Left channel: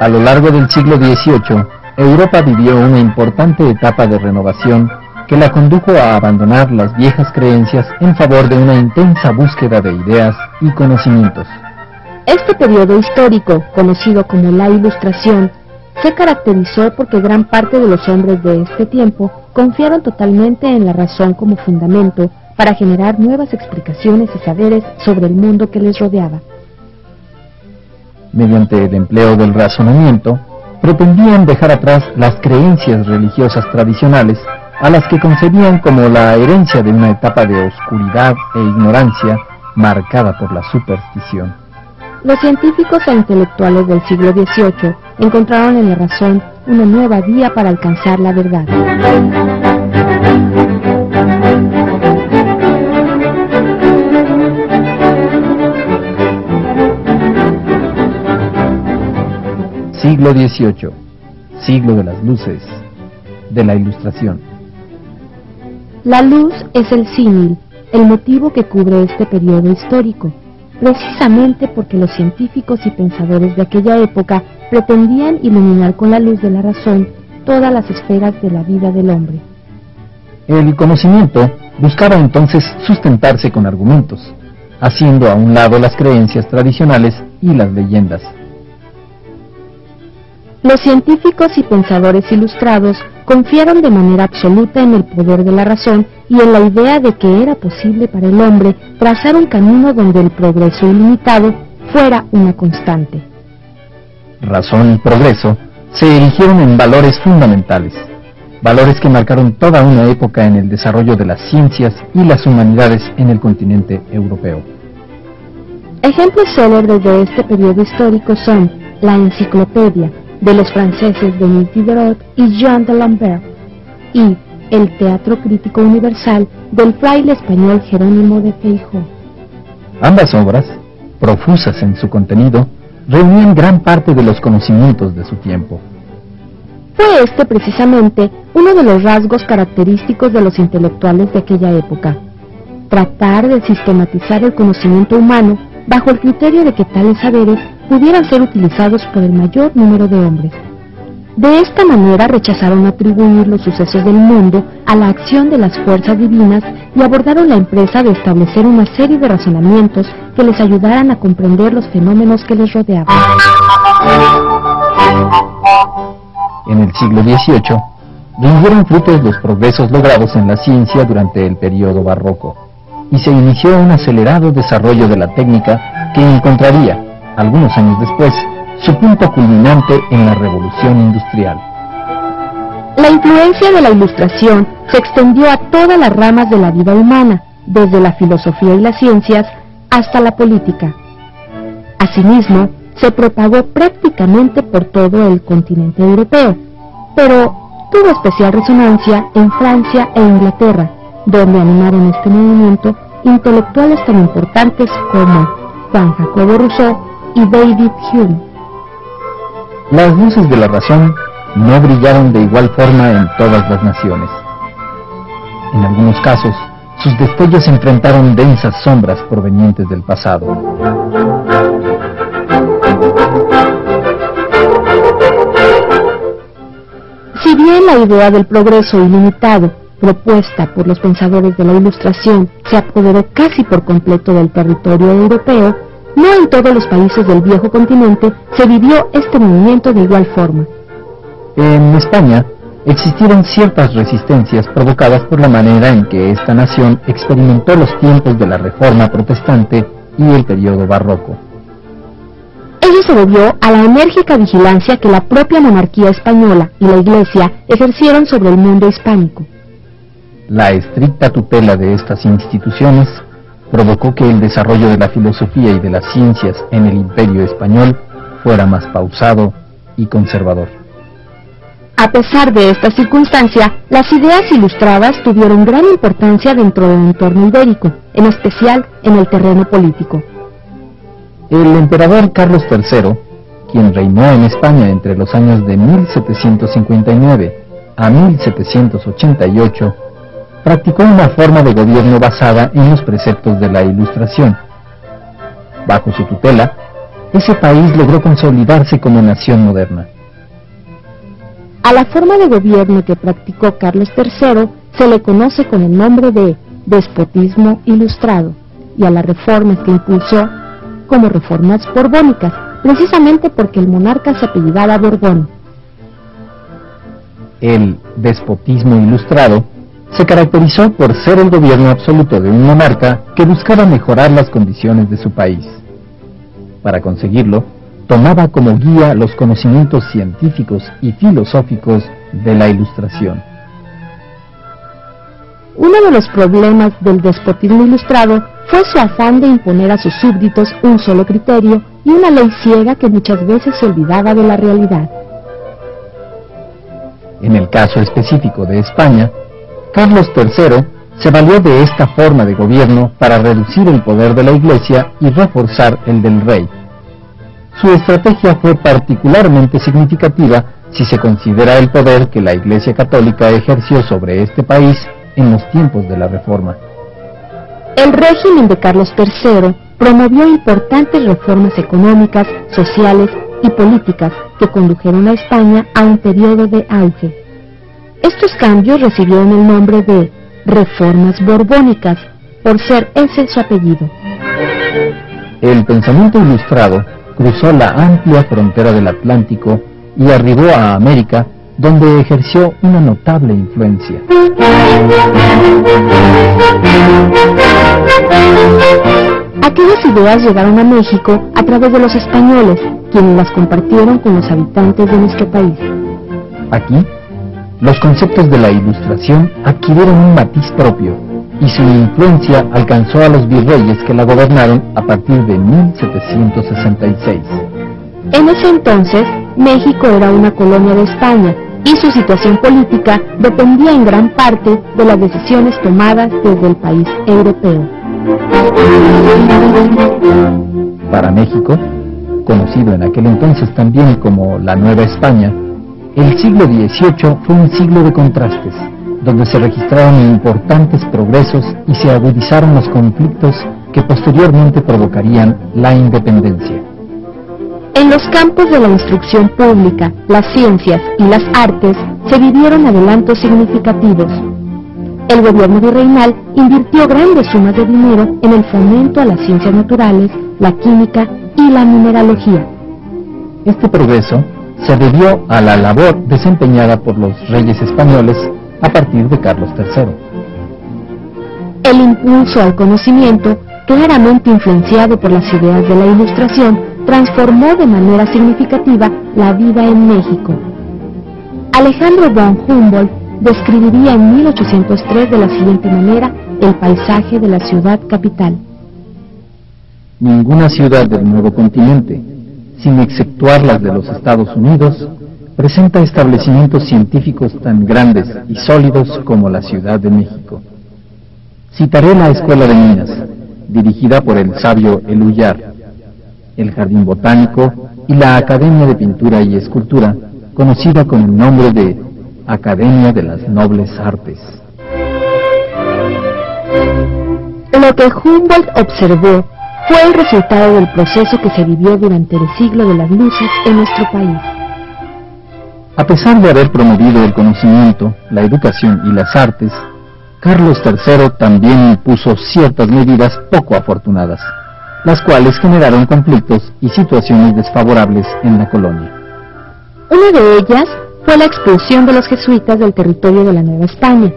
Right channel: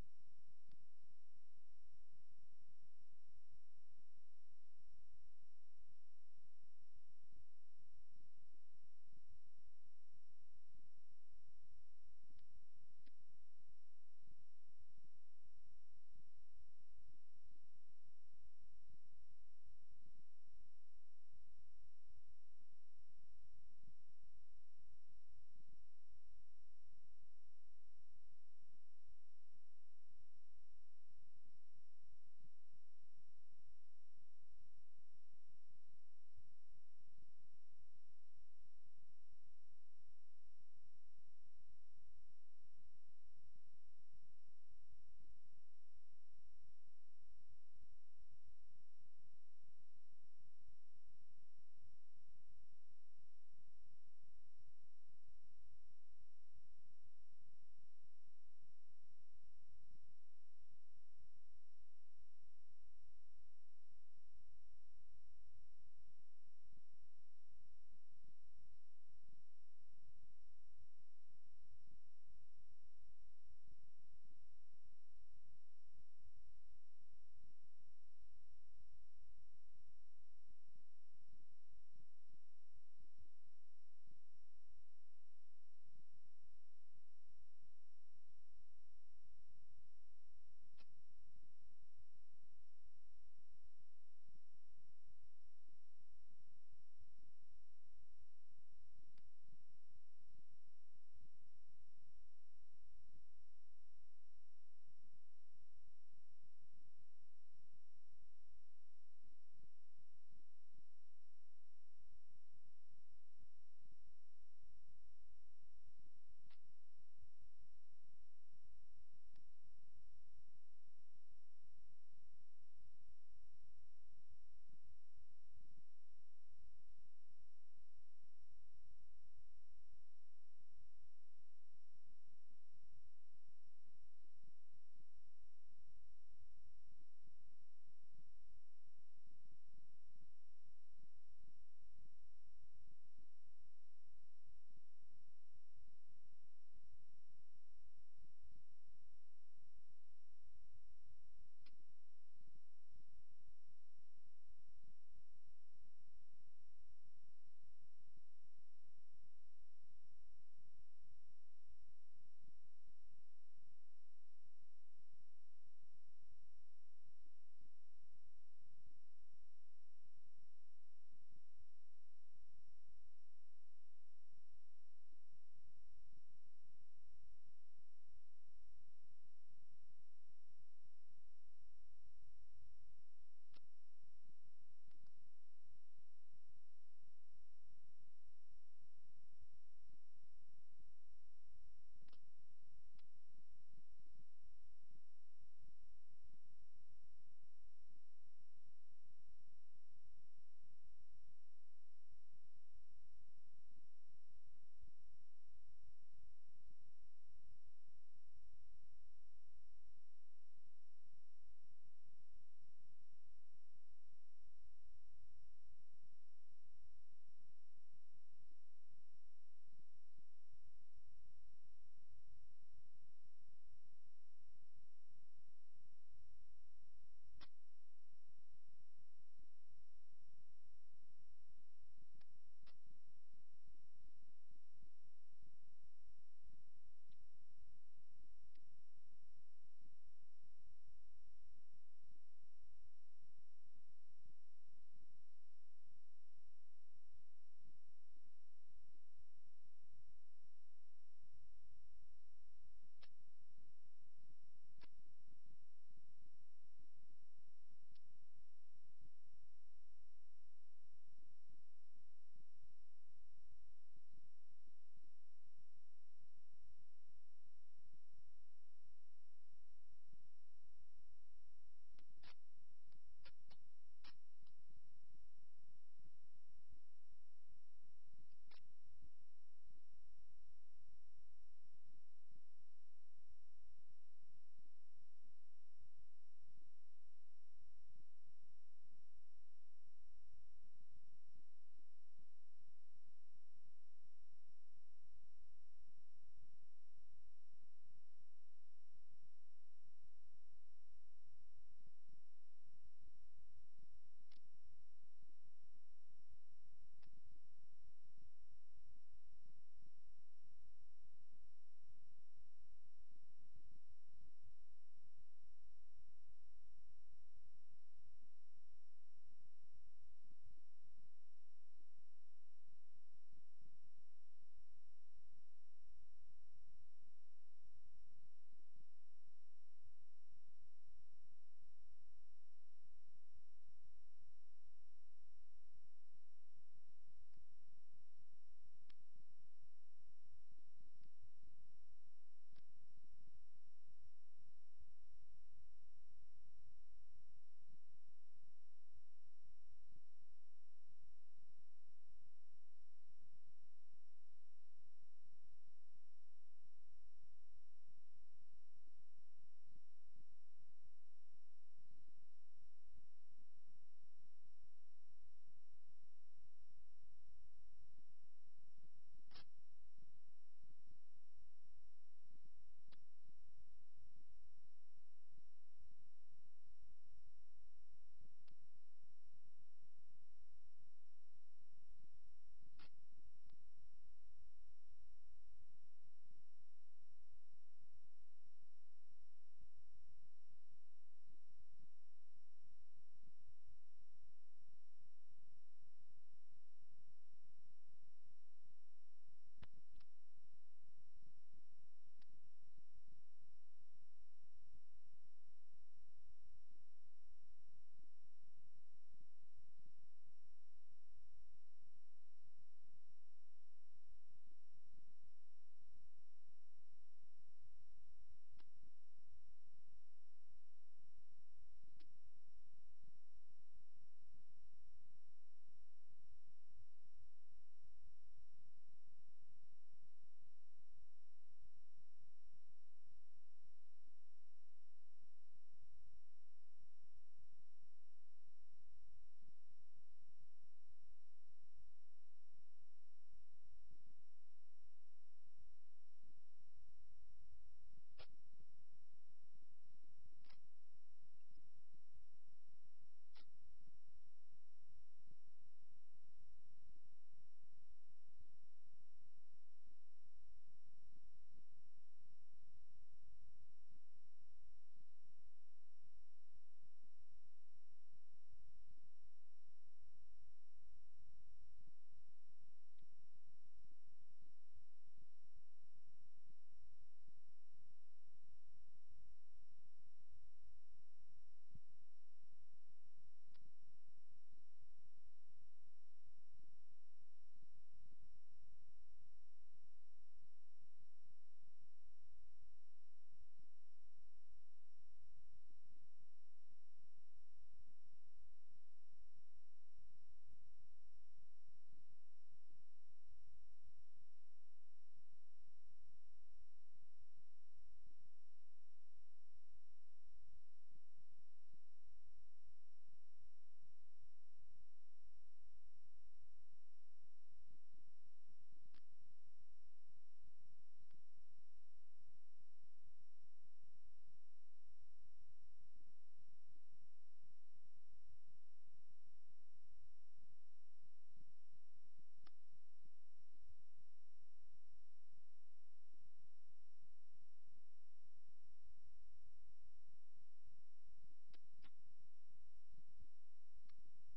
A lo largo del siglo XVIII, Europa vivió una importante etapa de renovación que la condujo a abandonar las viejas creencias en favor de una intensa búsqueda de ideas y conocimientos. Este periodo histórico, conocido como la Ilustración, se caracterizó porque gran parte de los hombres de este tiempo confiaron totalmente en la razón como fundamento para generar nuevas explicaciones y saberes sobre el mundo que les rodeaba. Mediante el empleo del razonamiento, pretendían dejar atrás las creencias religiosas tradicionales a las que concebían como la herencia de una etapa de oscuridad e ignorancia marcada por la superstición. Los científicos e intelectuales del siglo XVIII encontraron en la razón una nueva vía para alcanzar la verdad. Siglo XVIII, siglo de las luces, de la Ilustración. La luz es el símil, el motivo que cubre este periodo histórico, precisamente porque los científicos y pensadores de aquella época pretendían iluminar con la luz de la razón todas las esferas de la vida del hombre. El conocimiento buscaba entonces sustentarse con argumentos, haciendo a un lado las creencias tradicionales y las leyendas. Los científicos y pensadores ilustrados confiaron de manera absoluta en el poder de la razón y en la idea de que era posible para el hombre trazar un camino donde el progreso ilimitado fuera una constante. Razón y progreso se erigieron en valores fundamentales, valores que marcaron toda una época en el desarrollo de las ciencias y las humanidades en el continente europeo. Ejemplos célebres de este periodo histórico son la Enciclopedia, de los franceses Denis Diderot y Jean de Lambert, y el Teatro Crítico Universal del fraile español Jerónimo de Feijoo. Ambas obras, profusas en su contenido, reunían gran parte de los conocimientos de su tiempo. Fue este precisamente uno de los rasgos característicos de los intelectuales de aquella época: tratar de sistematizar el conocimiento humano bajo el criterio de que tales saberes pudieran ser utilizados por el mayor número de hombres. De esta manera rechazaron atribuir los sucesos del mundo a la acción de las fuerzas divinas y abordaron la empresa de establecer una serie de razonamientos que les ayudaran a comprender los fenómenos que les rodeaban. En el siglo XVIII, rindieron frutos los progresos logrados en la ciencia durante el período barroco, y se inició un acelerado desarrollo de la técnica que encontraría, algunos años después, su punto culminante en la Revolución Industrial. La influencia de la Ilustración se extendió a todas las ramas de la vida humana, desde la filosofía y las ciencias hasta la política. Asimismo, se propagó prácticamente por todo el continente europeo, pero tuvo especial resonancia en Francia e Inglaterra, donde animaron este movimiento intelectuales tan importantes como Juan Jacobo Rousseau y David Hume. Las luces de la razón no brillaron de igual forma en todas las naciones. En algunos casos, sus destellos enfrentaron densas sombras provenientes del pasado. Si bien la idea del progreso ilimitado, propuesta por los pensadores de la Ilustración, se apoderó casi por completo del territorio europeo, no en todos los países del viejo continente se vivió este movimiento de igual forma. En España existieron ciertas resistencias provocadas por la manera en que esta nación experimentó los tiempos de la Reforma Protestante y el periodo barroco. Ello se debió a la enérgica vigilancia que la propia monarquía española y la Iglesia ejercieron sobre el mundo hispánico. La estricta tutela de estas instituciones provocó que el desarrollo de la filosofía y de las ciencias en el Imperio español fuera más pausado y conservador. A pesar de esta circunstancia, las ideas ilustradas tuvieron gran importancia dentro del entorno ibérico, en especial en el terreno político. El emperador Carlos III, quien reinó en España entre los años de 1759 a 1788, practicó una forma de gobierno basada en los preceptos de la Ilustración. Bajo su tutela, ese país logró consolidarse como nación moderna. A la forma de gobierno que practicó Carlos III se le conoce con el nombre de despotismo ilustrado, y a las reformas que impulsó como reformas borbónicas, precisamente porque el monarca se apellidaba Borbón. El despotismo ilustrado se caracterizó por ser el gobierno absoluto de un monarca que buscaba mejorar las condiciones de su país. Para conseguirlo, tomaba como guía los conocimientos científicos y filosóficos de la Ilustración. Uno de los problemas del despotismo ilustrado fue su afán de imponer a sus súbditos un solo criterio y una ley ciega que muchas veces se olvidaba de la realidad. En el caso específico de España, Carlos III se valió de esta forma de gobierno para reducir el poder de la Iglesia y reforzar el del rey. Su estrategia fue particularmente significativa si se considera el poder que la Iglesia Católica ejerció sobre este país en los tiempos de la Reforma. El régimen de Carlos III promovió importantes reformas económicas, sociales y políticas que condujeron a España a un periodo de auge. Estos cambios recibieron el nombre de reformas borbónicas, por ser ese su apellido. El pensamiento ilustrado cruzó la amplia frontera del Atlántico y arribó a América, donde ejerció una notable influencia. Aquellas ideas llegaron a México a través de los españoles, quienes las compartieron con los habitantes de nuestro país. Aquí, los conceptos de la Ilustración adquirieron un matiz propio, y su influencia alcanzó a los virreyes que la gobernaron a partir de 1766. En ese entonces, México era una colonia de España, y su situación política dependía en gran parte de las decisiones tomadas desde el país europeo. Para México, conocido en aquel entonces también como la Nueva España, el siglo XVIII fue un siglo de contrastes, donde se registraron importantes progresos y se agudizaron los conflictos que posteriormente provocarían la independencia. En los campos de la instrucción pública, las ciencias y las artes se vivieron adelantos significativos. El gobierno virreinal invirtió grandes sumas de dinero en el fomento a las ciencias naturales, la química y la mineralogía. Este progreso se debió a la labor desempeñada por los reyes españoles a partir de Carlos III. El impulso al conocimiento, claramente influenciado por las ideas de la Ilustración, transformó de manera significativa la vida en México. Alejandro von Humboldt describiría en 1803 de la siguiente manera el paisaje de la ciudad capital. Ninguna ciudad del nuevo continente, sin exceptuar las de los Estados Unidos, presenta establecimientos científicos tan grandes y sólidos como la Ciudad de México. Citaré la Escuela de Minas, dirigida por el sabio Eluyar, el Jardín Botánico y la Academia de Pintura y Escultura, conocida con el nombre de Academia de las Nobles Artes. Lo que Humboldt observó fue el resultado del proceso que se vivió durante el siglo de las luces en nuestro país. A pesar de haber promovido el conocimiento, la educación y las artes, Carlos III también impuso ciertas medidas poco afortunadas, las cuales generaron conflictos y situaciones desfavorables en la colonia. Una de ellas fue la expulsión de los jesuitas del territorio de la Nueva España.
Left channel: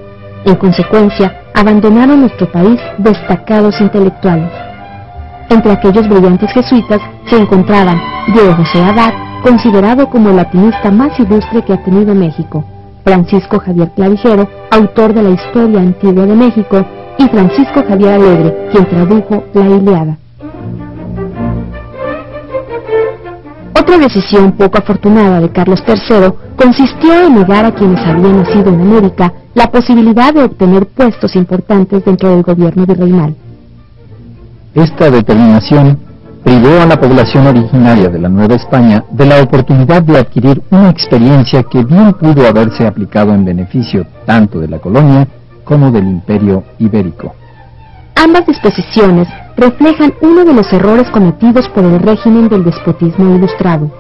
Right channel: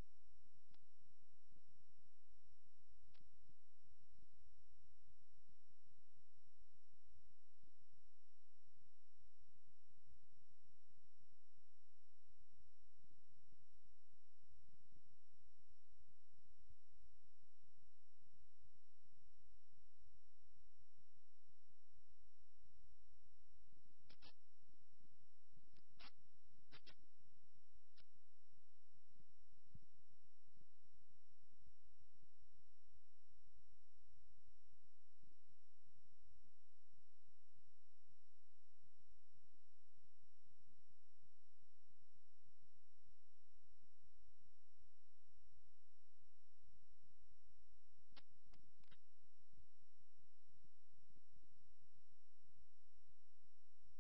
En consecuencia, abandonaron nuestro país destacados intelectuales. Entre aquellos brillantes jesuitas se encontraban Diego José Abad, considerado como el latinista más ilustre que ha tenido México, Francisco Javier Clavijero, autor de la Historia Antigua de México, y Francisco Javier Alegre, quien tradujo la Ilíada. Otra decisión poco afortunada de Carlos III consistió en negar a quienes habían nacido en América la posibilidad de obtener puestos importantes dentro del gobierno virreinal. Esta determinación privó a la población originaria de la Nueva España de la oportunidad de adquirir una experiencia que bien pudo haberse aplicado en beneficio tanto de la colonia como del Imperio Ibérico. Ambas disposiciones reflejan uno de los errores cometidos por el régimen del despotismo ilustrado.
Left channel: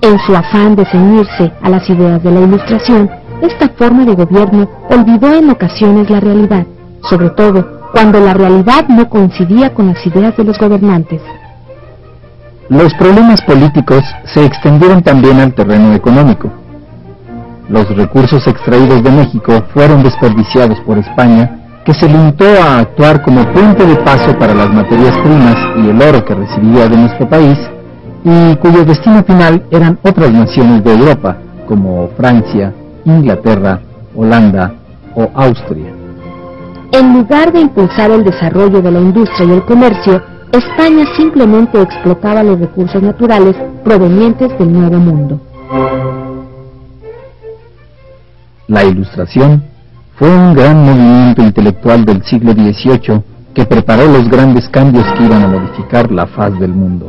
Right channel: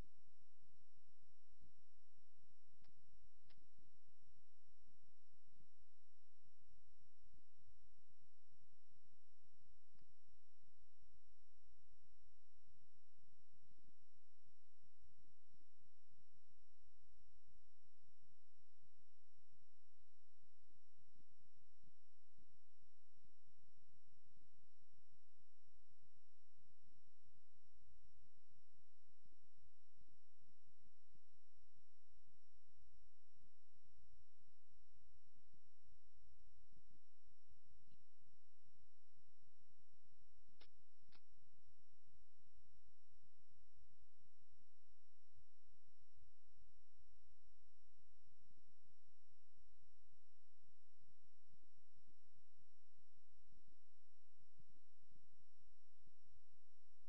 En su afán de ceñirse a las ideas de la Ilustración, esta forma de gobierno olvidó en ocasiones la realidad, sobre todo cuando la realidad no coincidía con las ideas de los gobernantes. Los problemas políticos se extendieron también al terreno económico. Los recursos extraídos de México fueron desperdiciados por España, que se limitó a actuar como puente de paso para las materias primas y el oro que recibía de nuestro país, y cuyo destino final eran otras naciones de Europa, como Francia, Inglaterra, Holanda o Austria. En lugar de impulsar el desarrollo de la industria y el comercio, España simplemente explotaba los recursos naturales provenientes del Nuevo Mundo. La Ilustración fue un gran movimiento intelectual del siglo XVIII que preparó los grandes cambios que iban a modificar la faz del mundo.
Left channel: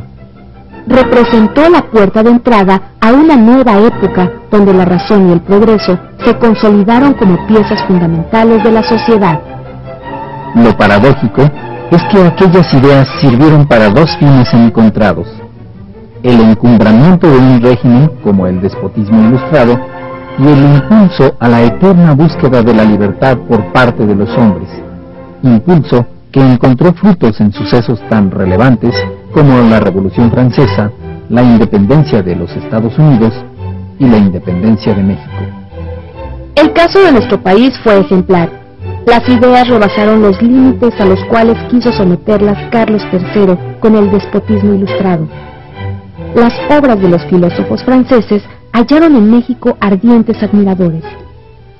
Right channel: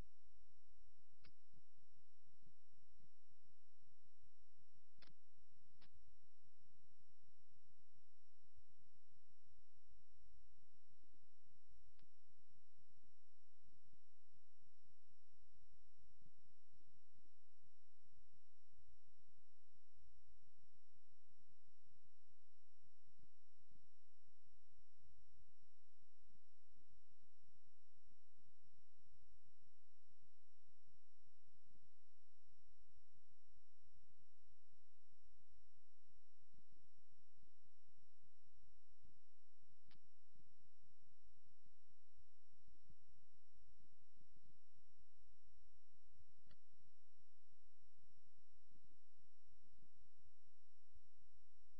Representó la puerta de entrada a una nueva época donde la razón y el progreso se consolidaron como piezas fundamentales de la sociedad. Lo paradójico es que aquellas ideas sirvieron para dos fines encontrados: el encumbramiento de un régimen como el despotismo ilustrado y el impulso a la eterna búsqueda de la libertad por parte de los hombres, impulso que encontró frutos en sucesos tan relevantes como la Revolución Francesa, la independencia de los Estados Unidos y la independencia de México. El caso de nuestro país fue ejemplar. Las ideas rebasaron los límites a los cuales quiso someterlas Carlos III con el despotismo ilustrado. Las obras de los filósofos franceses hallaron en México ardientes admiradores.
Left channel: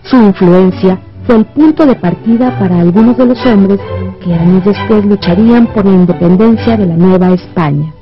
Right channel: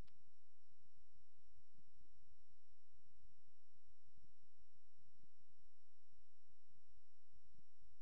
Su influencia fue el punto de partida para algunos de los hombres que años después lucharían por la independencia de la Nueva España.